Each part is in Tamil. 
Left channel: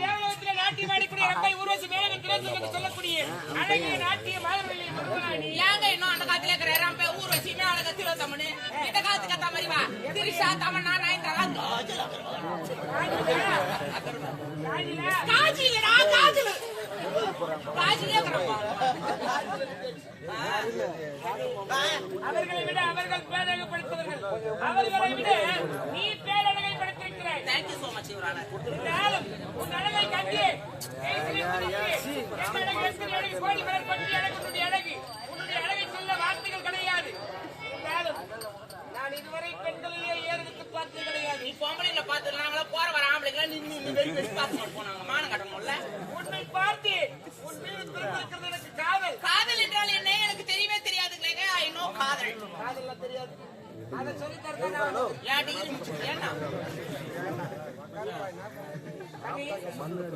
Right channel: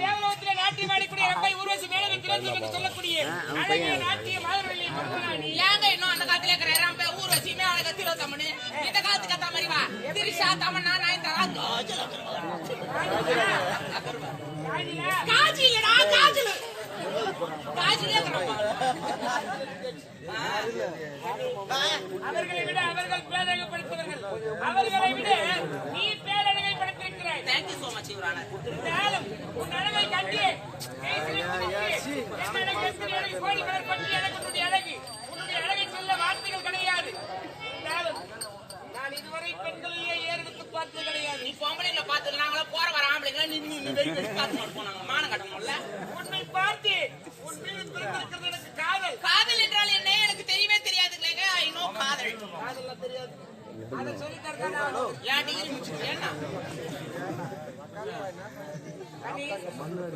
தேவலோகத்திலே நாட்டியம் ஆடக்கூடிய ஊர்வசி மேலே திரேசன் என்று சொல்லக்கூடிய அழகிய நாட்டிய மாதவள்ளி முருகனாணி ஏங்க இன்னும் அந்த காலத்துல இருக்கிற ரம்பை ஊர் வச்சு மேல கத்திரோ இந்த காலத்துக்கு அத்தா மாதிரி வா திரிஷா தமன்னா காஜல். காஜல். கிடப்பா அவர்களை விட அவர்கள் பேரழகு படுத்தவர்கள் அவர்களை விட நீ பேரழகை படுத்திருக்கிறாய் தேங்க்யூ சோ மச் யுவரான இருந்தாலும் உன் அழகை கண்டு கோடி மலர் பற்றி எனக்கு உன்னுடைய அழகு. உன்னுடைய அழகை சொல்ல வார்த்தைகள் கிடையாது. இருந்தாலும் நான் இதுவரை பெண்களிலே ஏறெடுத்து பார்த்தது கிடையாது. நீ பொம்பளைங்கள பார்த்து நாங்கள போற வர ஆம்பளைங்க நீ நீ நீ வெடி வெடி பார்த்து போனாங்க. மானம் கட்டணும்ல உன்னை பார்த்து உன் மீது பிறந்திருக்கிறது எனக்கு காதல். காதல் என்றால் என்ன? எனக்கு தெரியவே தெரியாதுங்களேங்க ஐ நோ காதல். காதல்லாம் தெரியாது.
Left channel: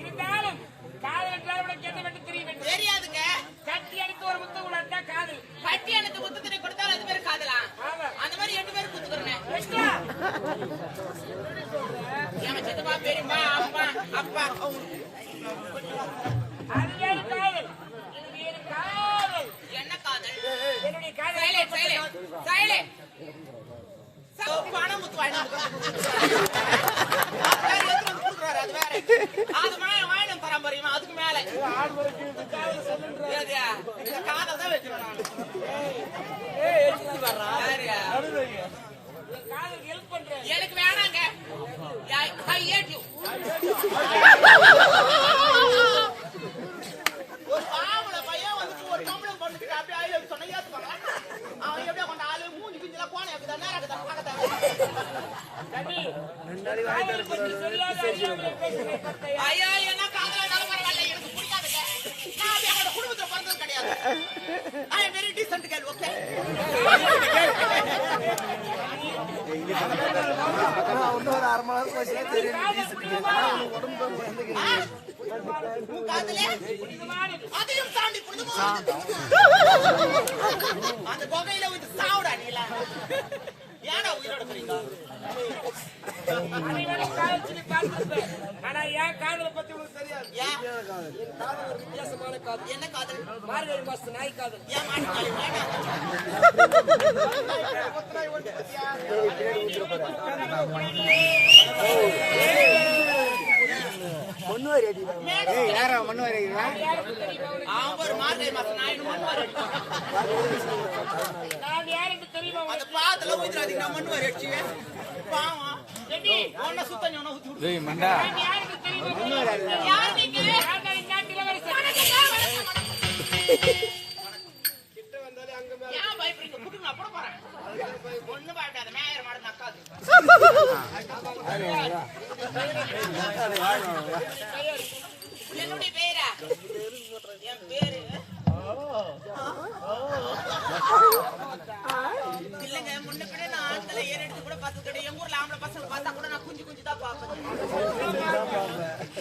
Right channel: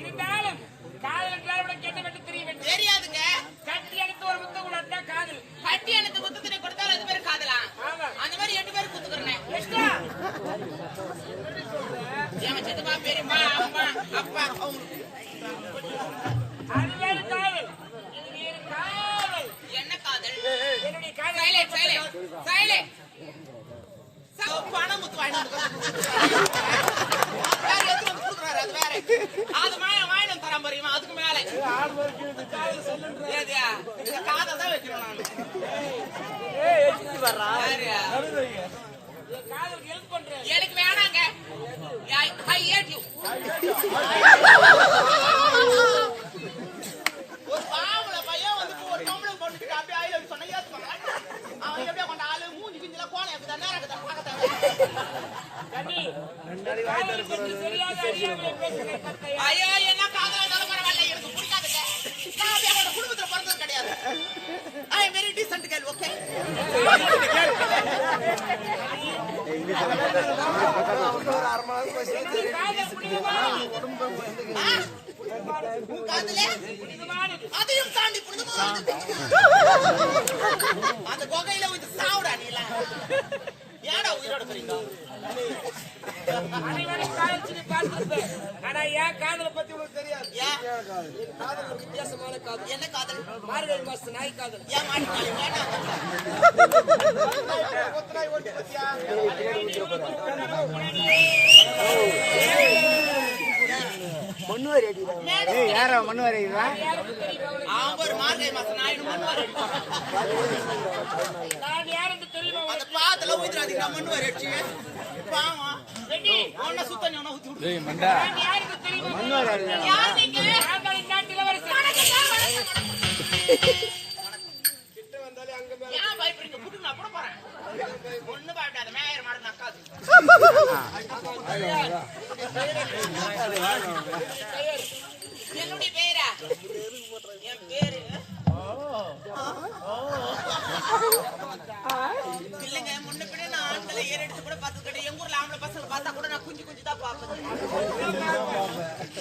இருந்தாலும் காதல் என்றால் உனக்கு என்ன மட்டும் தெரிய வேண்டும் தெரியாதுங்க. கட்டி அடித்து ஒரு முத்தம் கொடுத்தா காதல். கட்டி எனக்கு முத்தத்தினை கொடுத்தா ரெண்டு பேரும் காதலா? ஆமா. அந்த மாதிரி ரெண்டு பேரும் குத்துக்கிறேன். என் சித்தப்பா பெரியப்பா அப்பா அப்பா. அவங்களுக்கு அது வேறு காதல். இது வேறு காதல். என்ன காதல்? என்னுடைய காதல் சைலண்ட் சைலண்ட் சைலண்ட் பணம் அது வாங்கினம் அதுக்கு மேல இந்த காதல் தான் வைக்கிறேன் நான் ஹெல்ப் எனக்கு வேணாங்க. ஐ ஹேட் யூ ஒரு பாவல பையன் வந்து பொண்ணுக்கு அப்படியே ஐ லவ் சொன்னா ஏத்துப்பாங்க அவன் எப்படியே கொண்ட ஆளு மூஞ்சி கிஞ்சில கோணம் இருக்குதா நேரம் இருக்குதா பார்க்கத்தான் காதலை ஐயா என்ன காதலானாலும் பரவாயில்ல எனக்கு பிடிக்காதுங்க. நான் அப்படியே அவனோட குடும்பத்துல பிறந்தது கிடையாது. I am very decent girl okay என்னுடைய அதையும் தாண்டி புனிதமானது அந்த குகையில வந்து சாவுடா நீல ஏடா உயிரோட போறீங்க அனைவரும் காதல் சொல்லி பார்த்திருப்பேன் ஆனா என் காதலை பத்தி உனக்கு தெரியாது ஏன் என் காதல் ஒரு வித்தியாசமான காதல் என்ன காதல் மார்கழி மாசத்து நாய் காதல் ஏன் மாட்டி காலி மண்ணுவாரி? பாத்துல ஊத்துறாதீங்க நான் மண்ணுவாரி அடிச்சு பாவம் ஒன்ன சுத்த நீ ஒன்ன ஊத்தி தெரியுமா ஒண்ணு பயப்படாத மேயர் மாடு நக்காது என்னுடைய பேரா என் பேரு இல்லைங்க முன்ன பின்ன நான் ஆண்களை ஏற எடுத்து கூட பார்த்தது கிடையாது எங்க ஊர்ல ஆம்பளை பசங்களை பார்த்தா கூட நான் குஞ்சு குஞ்சு தான் பார்ப்பேன்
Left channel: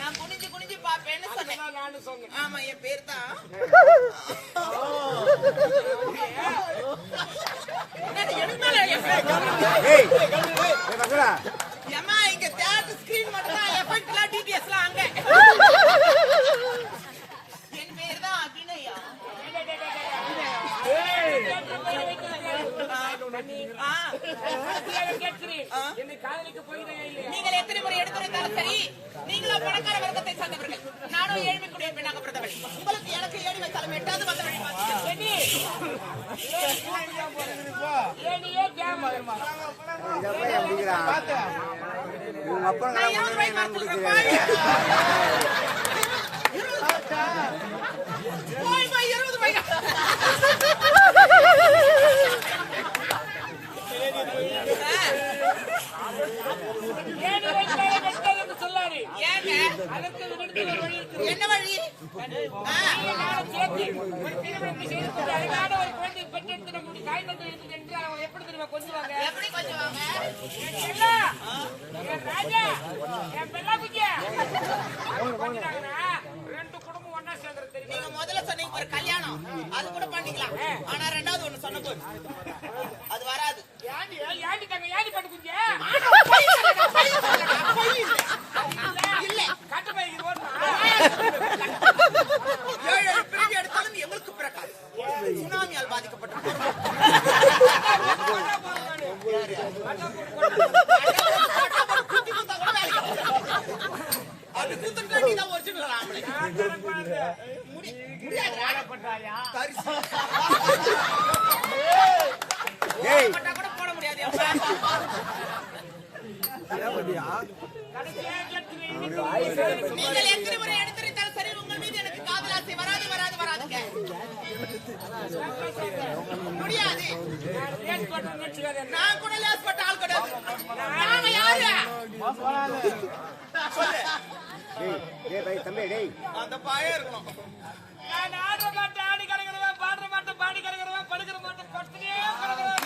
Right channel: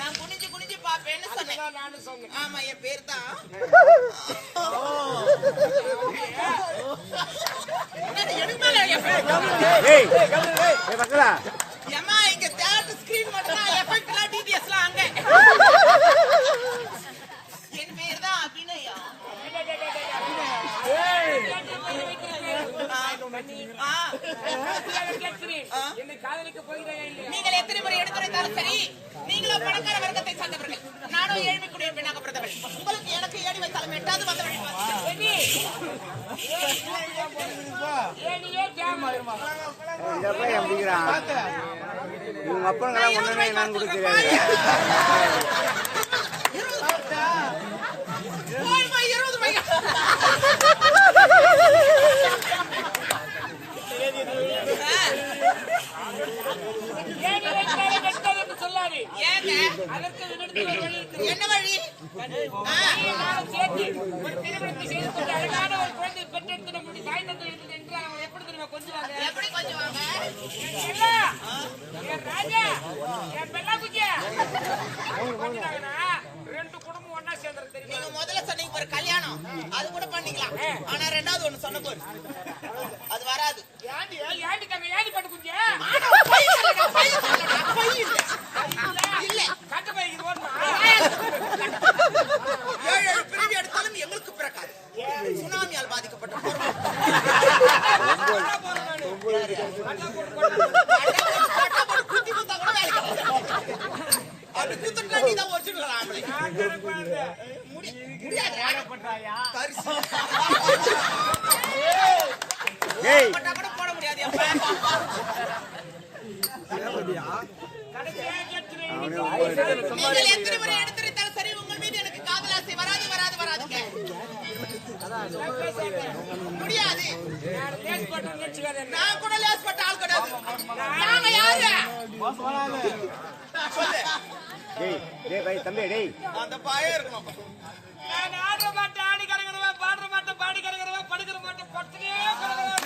நான் குனிஞ்சு குனிஞ்சு பார்ப்பேன்னு சொன்னேன் ஆமா என் பேர் தான் எனக்கு மேல என் பேர் ஏமா இங்க theatre screen மட்டும்தான், effect எல்லாம் DTS எல்லாம் அங்க. என் பேர் தான் அபிநயா. என்னை காதலிக்க இல்லையா? நீங்கள் எத்தனை முறை எடுத்துரைத்தாலும் சரி நீங்களோ பணக்கார வர்க்கத்தை சார்ந்தவர்கள் நானும் ஏழ்மைக்குரிய பெண்ணாக பிறந்தவள் உங்களுக்கு எனக்கு ஏடி வைத்தாலும் எட்டாவது வந்த வழி பார்த்துட்டேன். கண்ணி, ஏன் தூக்குதா போற? ஏனியே கேவலம். நான் இருபது ரூபாய்க்கு மறந்துருக்கேன், பாரு. இருபது போய், போய், இருபது ரூபாய்க்கு. ஏனி வைத்தாலே வெட்டாது என்று சொல்லாதே. ஏங்க அதற்கு என்னிடத்தில் ஒரு வழி இருக்கிறது. என்ன வழி? திருமணத்தை செய்து கொண்டு அழகான ஒரு குழந்தையை பெற்றெடுத்து நம்முடைய தாய் தந்தை இருக்குது என்று அவங்க எப்படி தெரியுமா கொஞ்சுவாங்க? எப்படி கொஞ்சம் வாங்க என் ராஜா, என் பெல்லா. அவங்க கொஞ்சினாங்கன்னா, ரெண்டு குடும்பம் ஒண்ணா சேர்ந்துரும் தெரியுமா? நீங்க முதல்ல சொன்னீங்க ஒரு கல்யாணம். அது கூட பண்ணிக்கலாம். ஆனா ரெண்டாவது ஒண்ணு சொன்ன போது அது வராது. ஏண்டி, ஏண்டி தங்க, ஏண்டி பட்டு குஞ்சு? ஆனா பொய் சொல்லடா, பொய் சொல்லடா, பொய் எங்களுக்கு பிறக்காது. சுனாமியால் பாதிக்கப்பட்ட ஒரிஜினல் ஆம்பளை. முடியாதுடா. பரிசு. கூட போட முடியாது நீங்கள் எத்தனை முறை எடுத்துரைத்தாலும் சரி உங்கள் மீது எனக்கு காதல் ஆசை வராது வராது வராதுங்க. நான் பேசாத. முடியாது. நான் போட்டு கூட லேஸ் பட்ட ஆள் கிடையாது. நாங்க யாரு? சொல்லு. அந்த பயம் இருக்கணும். நான் ஆடுற மாட்டேன் ஆடி கறங்குறவன் பாடுற மாட்டேன் பாடி கறங்குறவன் படுக்கிற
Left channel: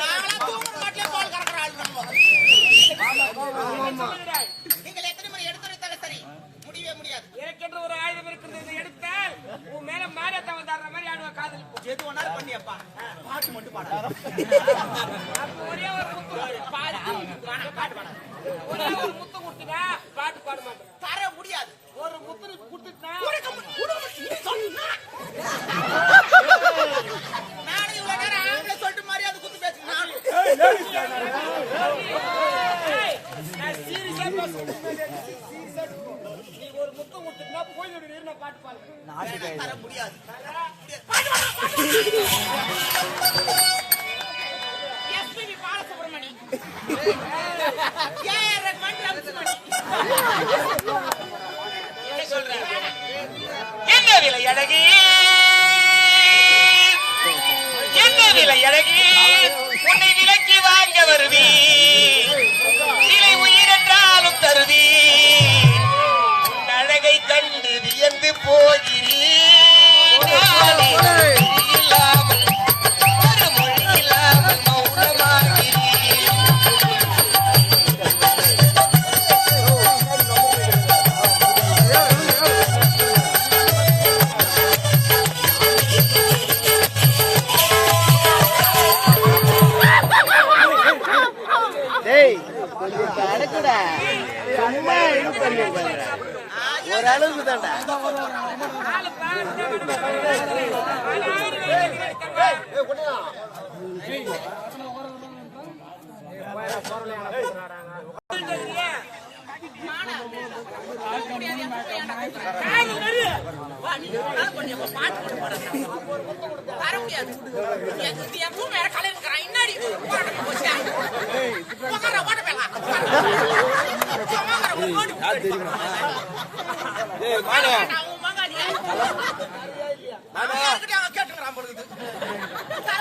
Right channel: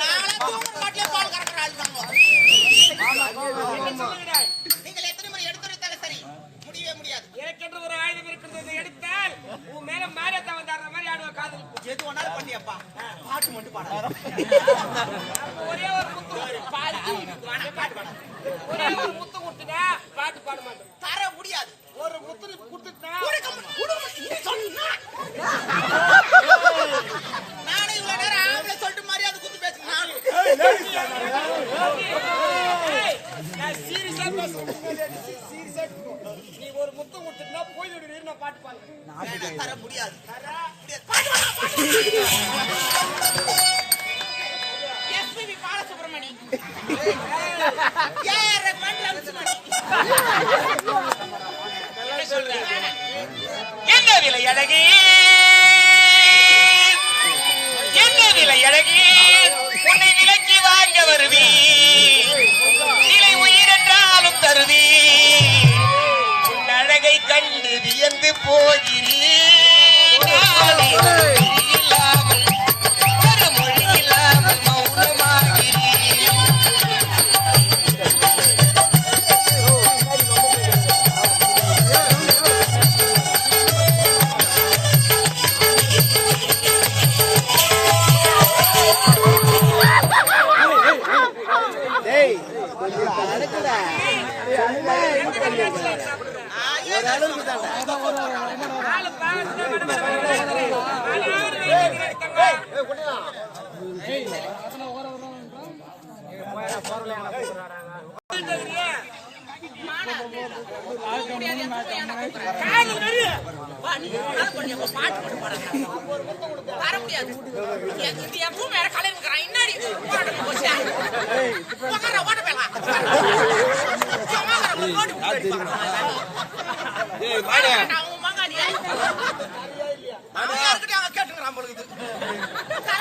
நாங்களாம் தூங்குற மாட்டிலே பால் ஆள் தாங்க சொல்லுகிறாய்? நீங்கள் எத்தனை முடியவே முடியாது. எனக்கென்று ஒரு ஆயுதம் இருக்கிறது எடுத்தால் உன் மேல மாரியத்தான் வந்தாடுற மாதிரி ஆடுவேன் காதலிப்பு எது ஒன்னாலும் பண்ணியப்பா. பாட்டு மட்டும் பாடாது ஒரே ஒரு முத்து. பாட்டு பாட்டு பாடாது ஒரே ஒரு முத்து கொடுத்துட்டா பாட்டு பாட மாட்டேன் தர முடியாது. ஒரு முத்து கொடுத்துட்டா. நானே. இவ்வளவு நேரம் ஆம்பளை சொல்லிட்டு மரியாதை குத்து பேசுறேன். சீரியஸா சீரியஸா நீ ஒரு முத்து கொடுத்துட்டா போய் நான் பாட்டு முடியாது என்ன விலை அழகி? என்ன விலை அழகி? உன்னை விலக்கி வாங்க வருவி நிலை உயிரென்றாலும் தருவி உன் அழகை கண்டு வியந்து போகிறேன்.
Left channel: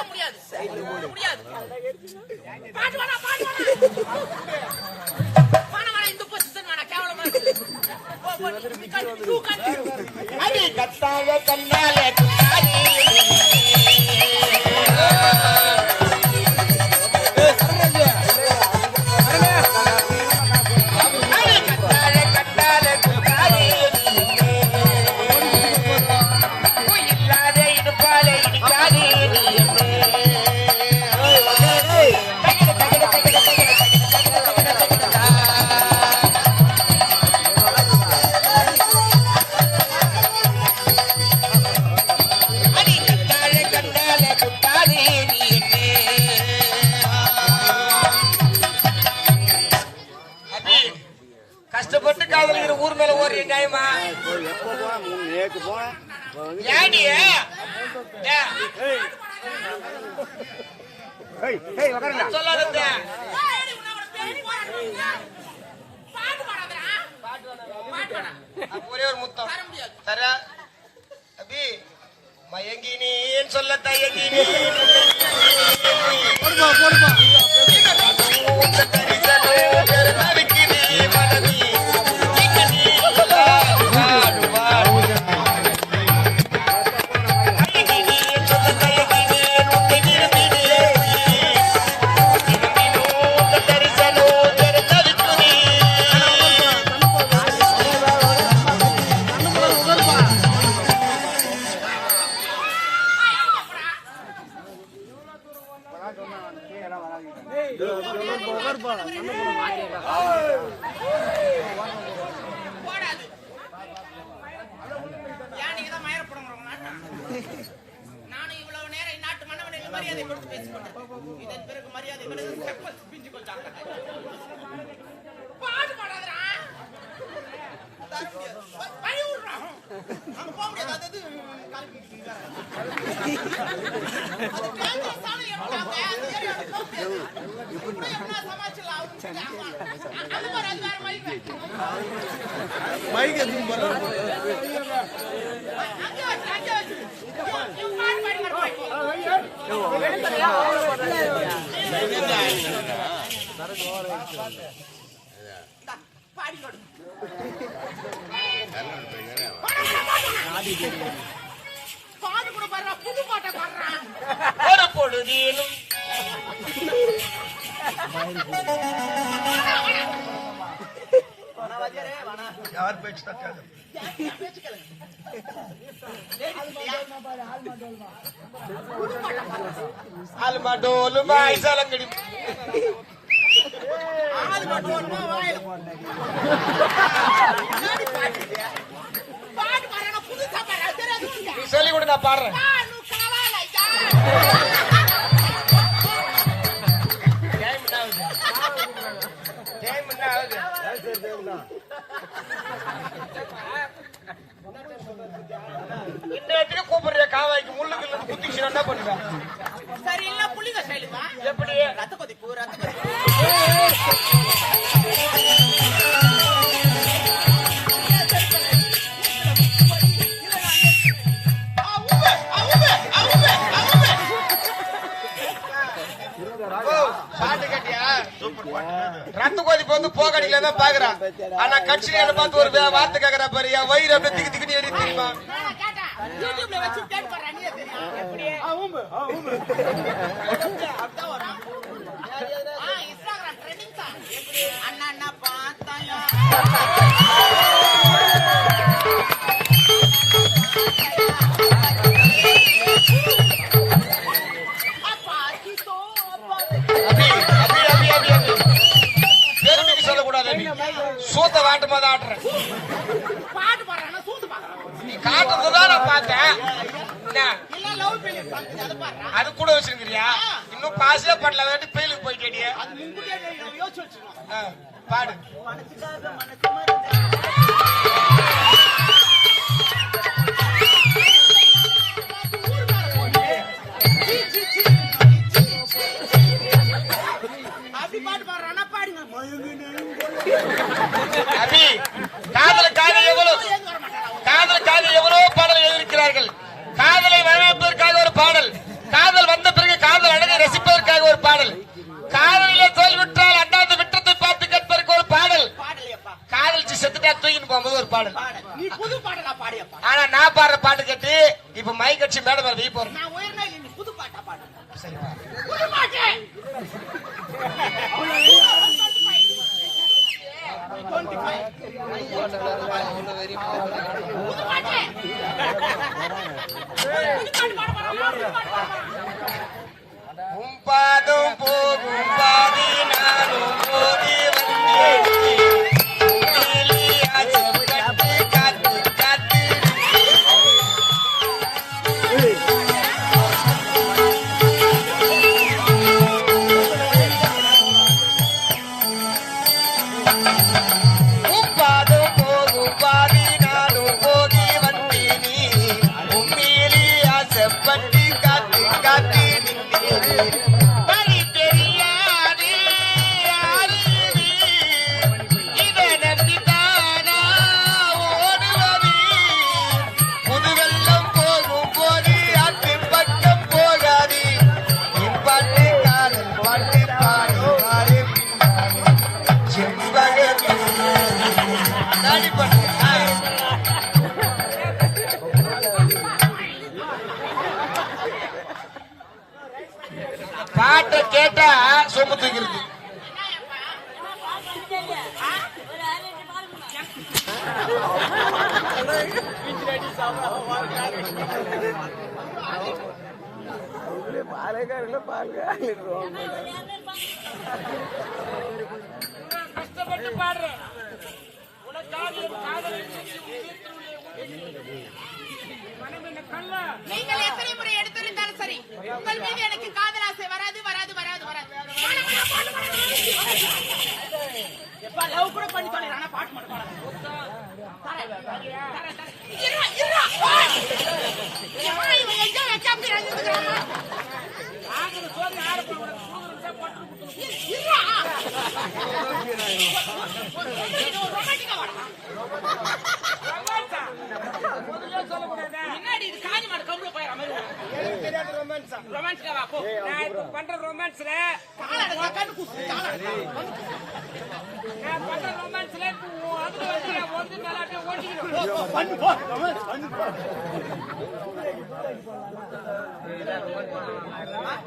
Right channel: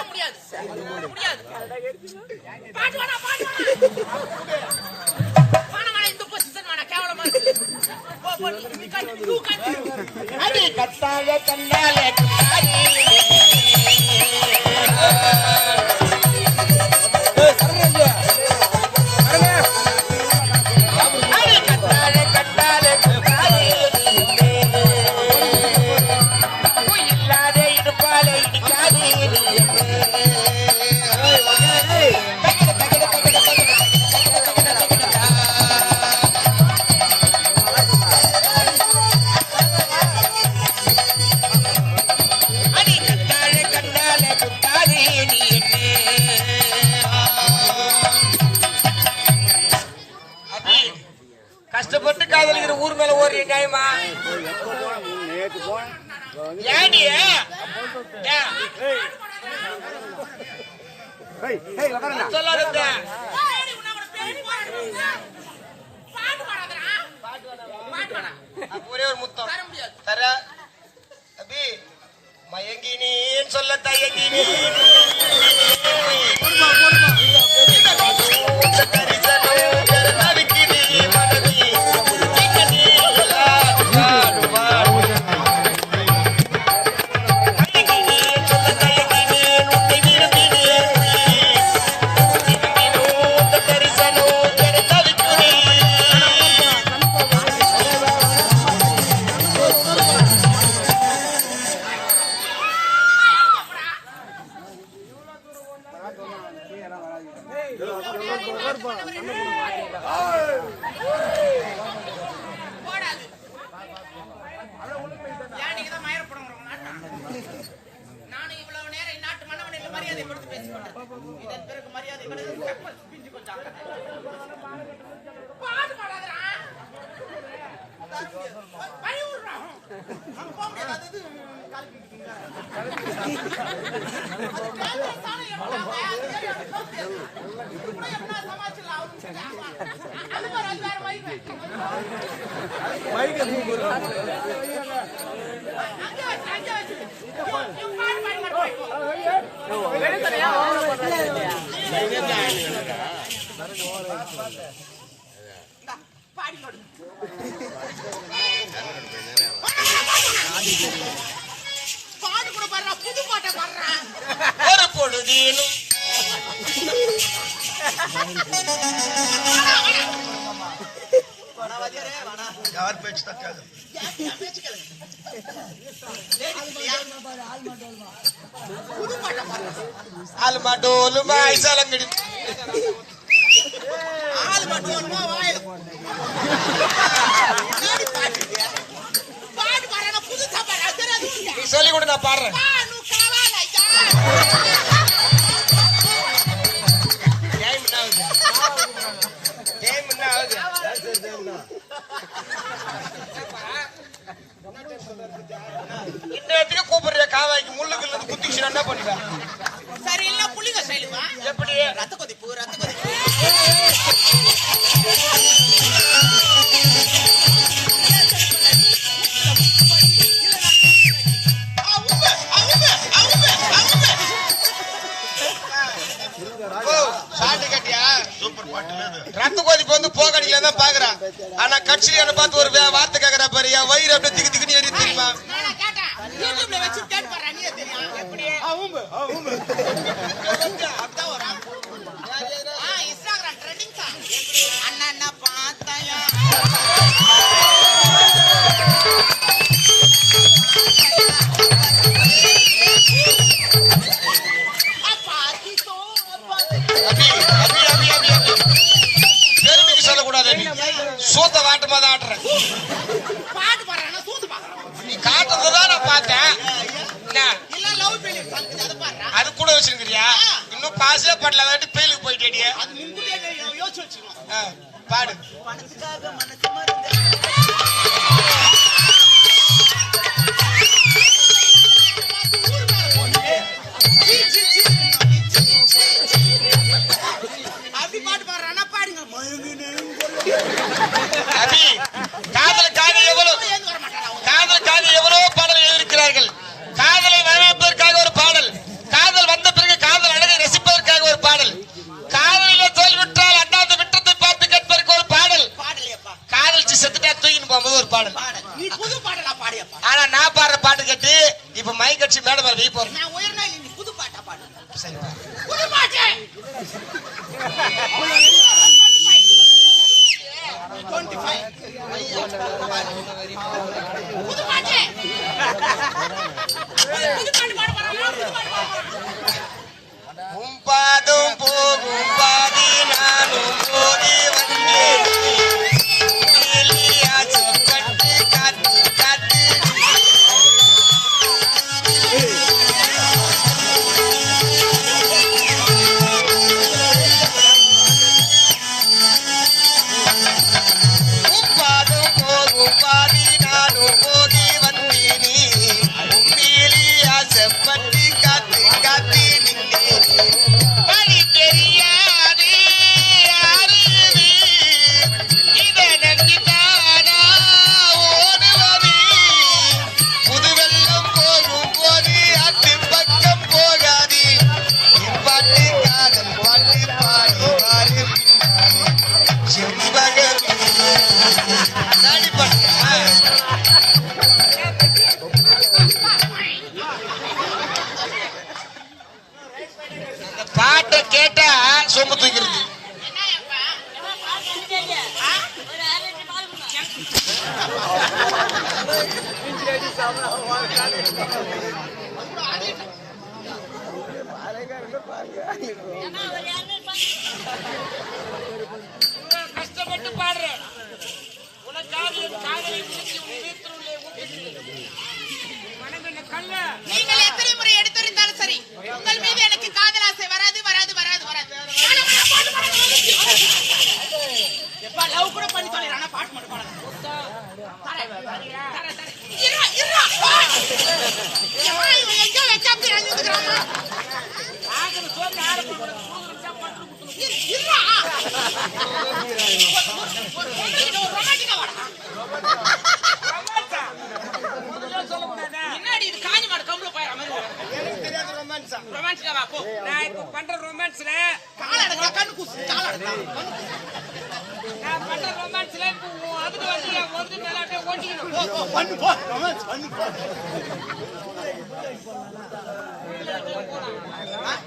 முடியாது. முடியாது. பாட்டு வேணாம், பாட்டு வேணாம். வேணாம், கேவலமா இருக்கு. போ, போ, ஊர் மேல ஒரு? சொல்லாதது. ஏடி. ஒரே ஒரு முத்தம் தர முடியாது. தர அபி மயங்கினேன் சொல்ல தயங்கினேன் வச்சு. இவன் இவன் பாட்டு பாடி பாடி பாட்டு கூட பாடுறா புது பாட்டை பாடுறா ஒரு யார் பேச்சு தக்காது ஆல்மா டோலுமா வாயில முன்னாடி பாட்டு பாடுறா புதுசா பாடுறா தெரியாது உனக்கு? சொல்லி கொடு நான் பாடுறேன். டைம் என்ன ஆகுது டைம் என்ன ஆகுது இந்த இடத்துல கூப்பிடுற காவாய்க்கு முள்ளுக்குள்ள குத்திச்சு என்ன பண்ணுவேன் கட்சியில என்ன பார்த்து ஒரு வே- வார்த்தை கேக்குறா பாரு என் வயிறு அப்படியே திக்கு திக்குன்னு எரி தெரியுமா நானா கேட்டேன். யூடியூப்ல வச்சு கேட்டு பாரு, நீயே தெரியும். எப்படி? பாட்டு பாடுறானா, சூத்து பாக்குறான். நீ காட்டுறதுதான் நான் பார்த்தேன். என்ன? இல்ல அதை கூட வச்சிருக்கிறியா? இன்னும் பாசே படல அதாட்டி பெயிலுக்கு போயிட்டேடியே அது முன்கூட்டியே யோசிச்சு பாடு. பணத்துக்காக மனசு மருந்து. அபி காதலுக்காக எவ்வளவு? காதலுக்காக எவ்வளவோ பாடல் எழுதியிருக்கிறார்கள்? காதலை வரவேற்பதற்காக ஒரு பாடல். காதல் வந்த பிறகு காதல் அழகை ரசிப்பதற்காக ஒரு பாடல். காதலிலே தோல்விட்டால் அண்ணாந்து விட்டத்தை பார்த்து கேட்பதற்கு ஒரு பாடல். காதலிச்சு செத்துட்டா தூக்கின்னு போகும்போது ஒரு பாடல். ஆனா நான் பாடுற பாட்டு கேட்டு இப்ப மை கட்சி மேடம் வீ போறேன். புது கஷ்டப்பட்டு உனக்காக என் காதலை உணர்ச்சி மனம் என்ன கல்ல நீங்கள் எத்தனை முறை எடுத்துரைத்தாலும் சரி உங்கள் மீது எனக்கு காதல் ஆசை வராது வராது வராது வராது. எப்பா லவ் கூட பண்ணி தொலைறானா பாட்டு மட்டும் பாடாத. தரேன். தரேன் தரேன். இருடா ஓய். ஏம்மா, இவன் எங்கேயோ வச்சு அப்படி அழுதுகிறாமா ஆகணும் சோத்து ஆற போய் உனக்கு தான் பட்டு குடுக்கணும் இருடா. ஒரு- ரொமான்டிக்கா வாடா ரொமான்ஸா முதல்ல சொல்லக்கூடாதா? முன்னாடி இது காஞ்சி மாடு கம்பள போயிற மாதிரி எனக்கு தெரியாது ரொமான்ஸா ரொமான்டிக்கா வா போ. நான் இப்ப பண்ற ரொமான்ஸ்ல கால எடுக்கா கண்ணு குசு கால எடுக்கா நான் பண்ற ரொமான்ஸ்ல இப்ப உன் அதுக்கு வந்து என் ஒன்று மேல அப்படியே ஓட்டிக்கணும் போ போ பண்ணு போ. ரொமான்ஸ் பண்ணு போ. நான்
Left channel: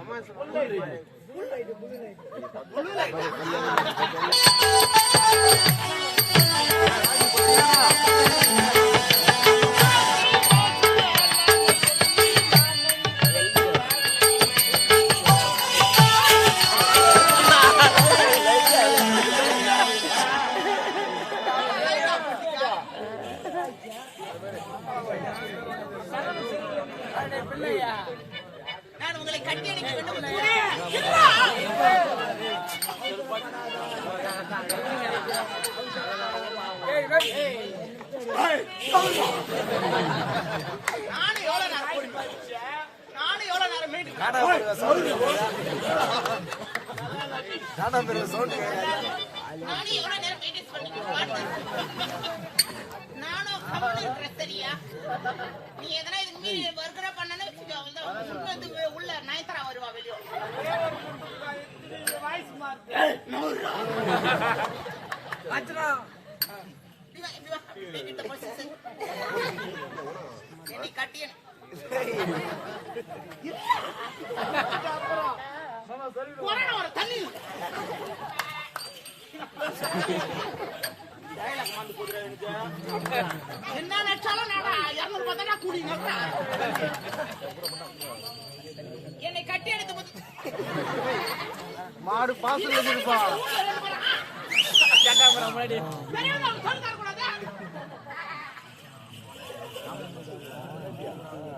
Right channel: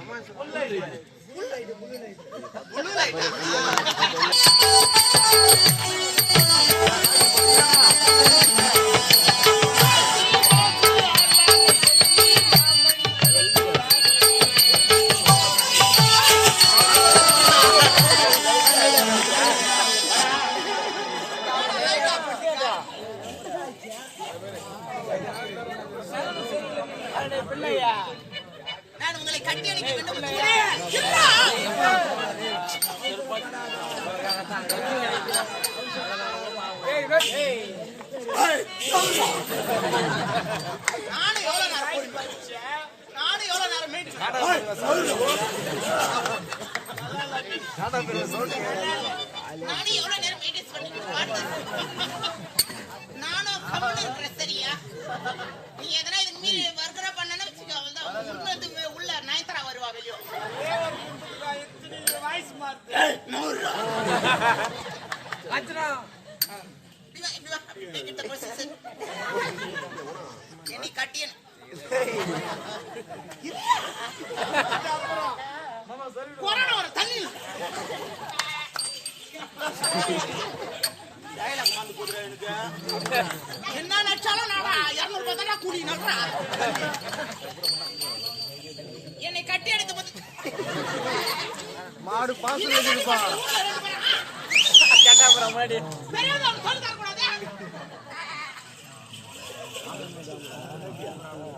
மாடு பாசம் வச்சிருப்பா.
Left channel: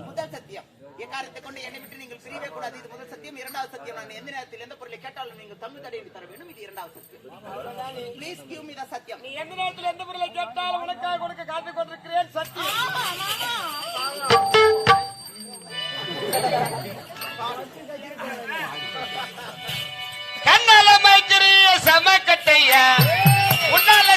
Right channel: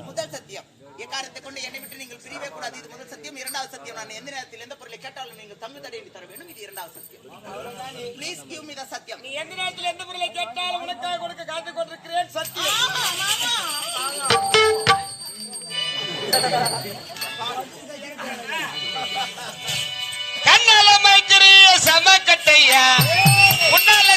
முதல் சத்தியம். எக்காரத்தை கொண்டு என்னை விட்டு நீங்கள் பிரியவே கூடாது. இது முதல் சத்தியம். இரண்டாவது சத்தியம். நான் எந்த நேரத்தில் எந்த பொருளை கேட்டாலும் நீங்கள் தங்கு தடையை தர வேண்டும். இது இரண்டாவது சத்தியம். ப்ளீஸ் கிவ் மீ த சத்தியம். நீ எந்த நேரத்துல எந்த பொருளை கேட்டாலும் உனக்காக கொடுக்க காத்து கொண்டிருக்கிறேன். சத்தியம். சமக்கட்டையா? உன்னால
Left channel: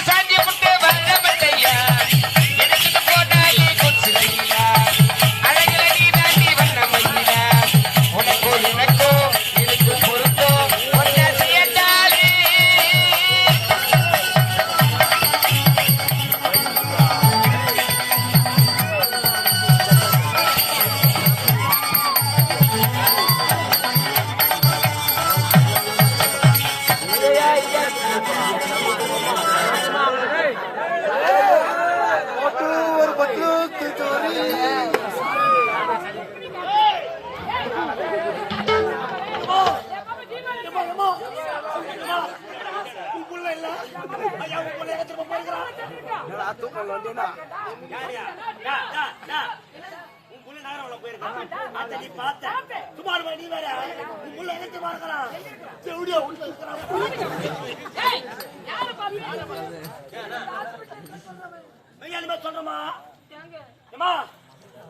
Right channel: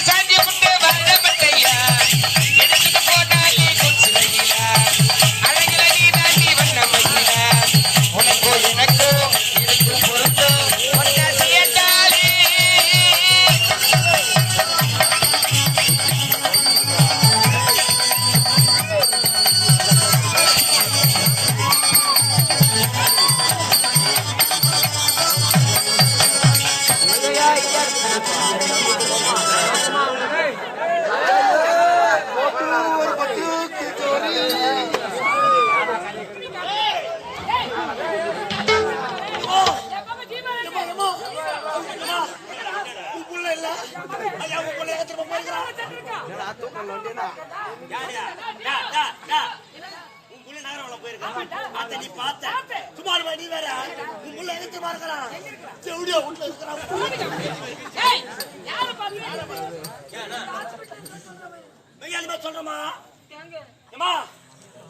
ஏய் யாரு பாத்து சொல்றமா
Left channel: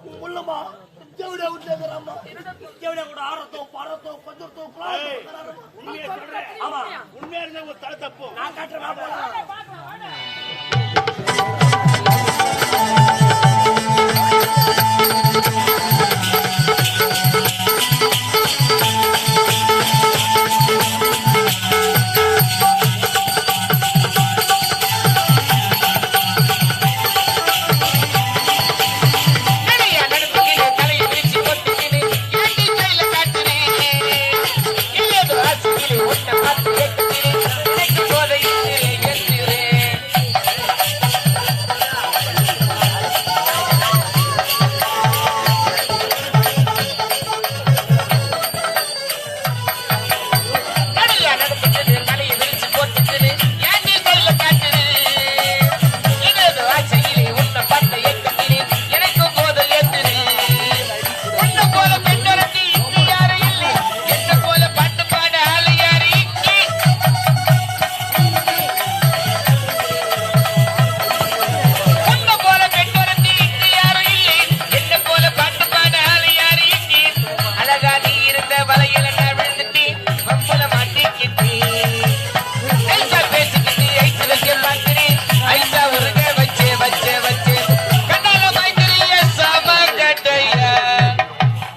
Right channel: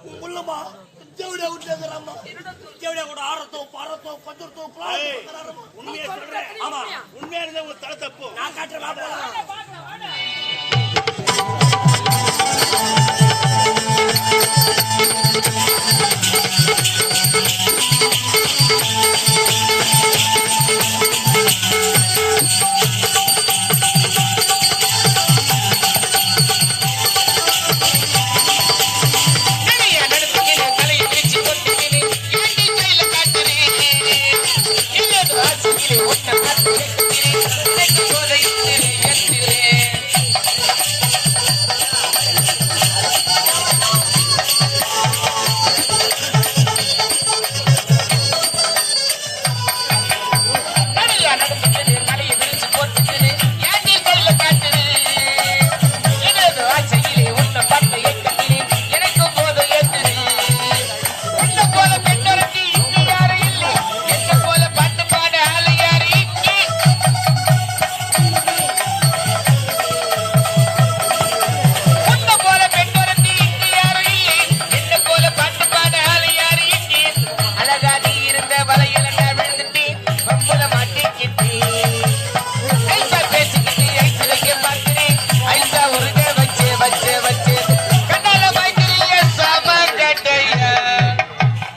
உன் முள்ளமா ஜவுடியா விட்டுறாமா ஜவுடியா கூட ஆறத்தோ பறத்தோ கொஞ்சத்தோ உண்மையா சொல்றேன். ஆமா உண்மையா உங்க தலை தப்பு. நான் காட்டுறேன்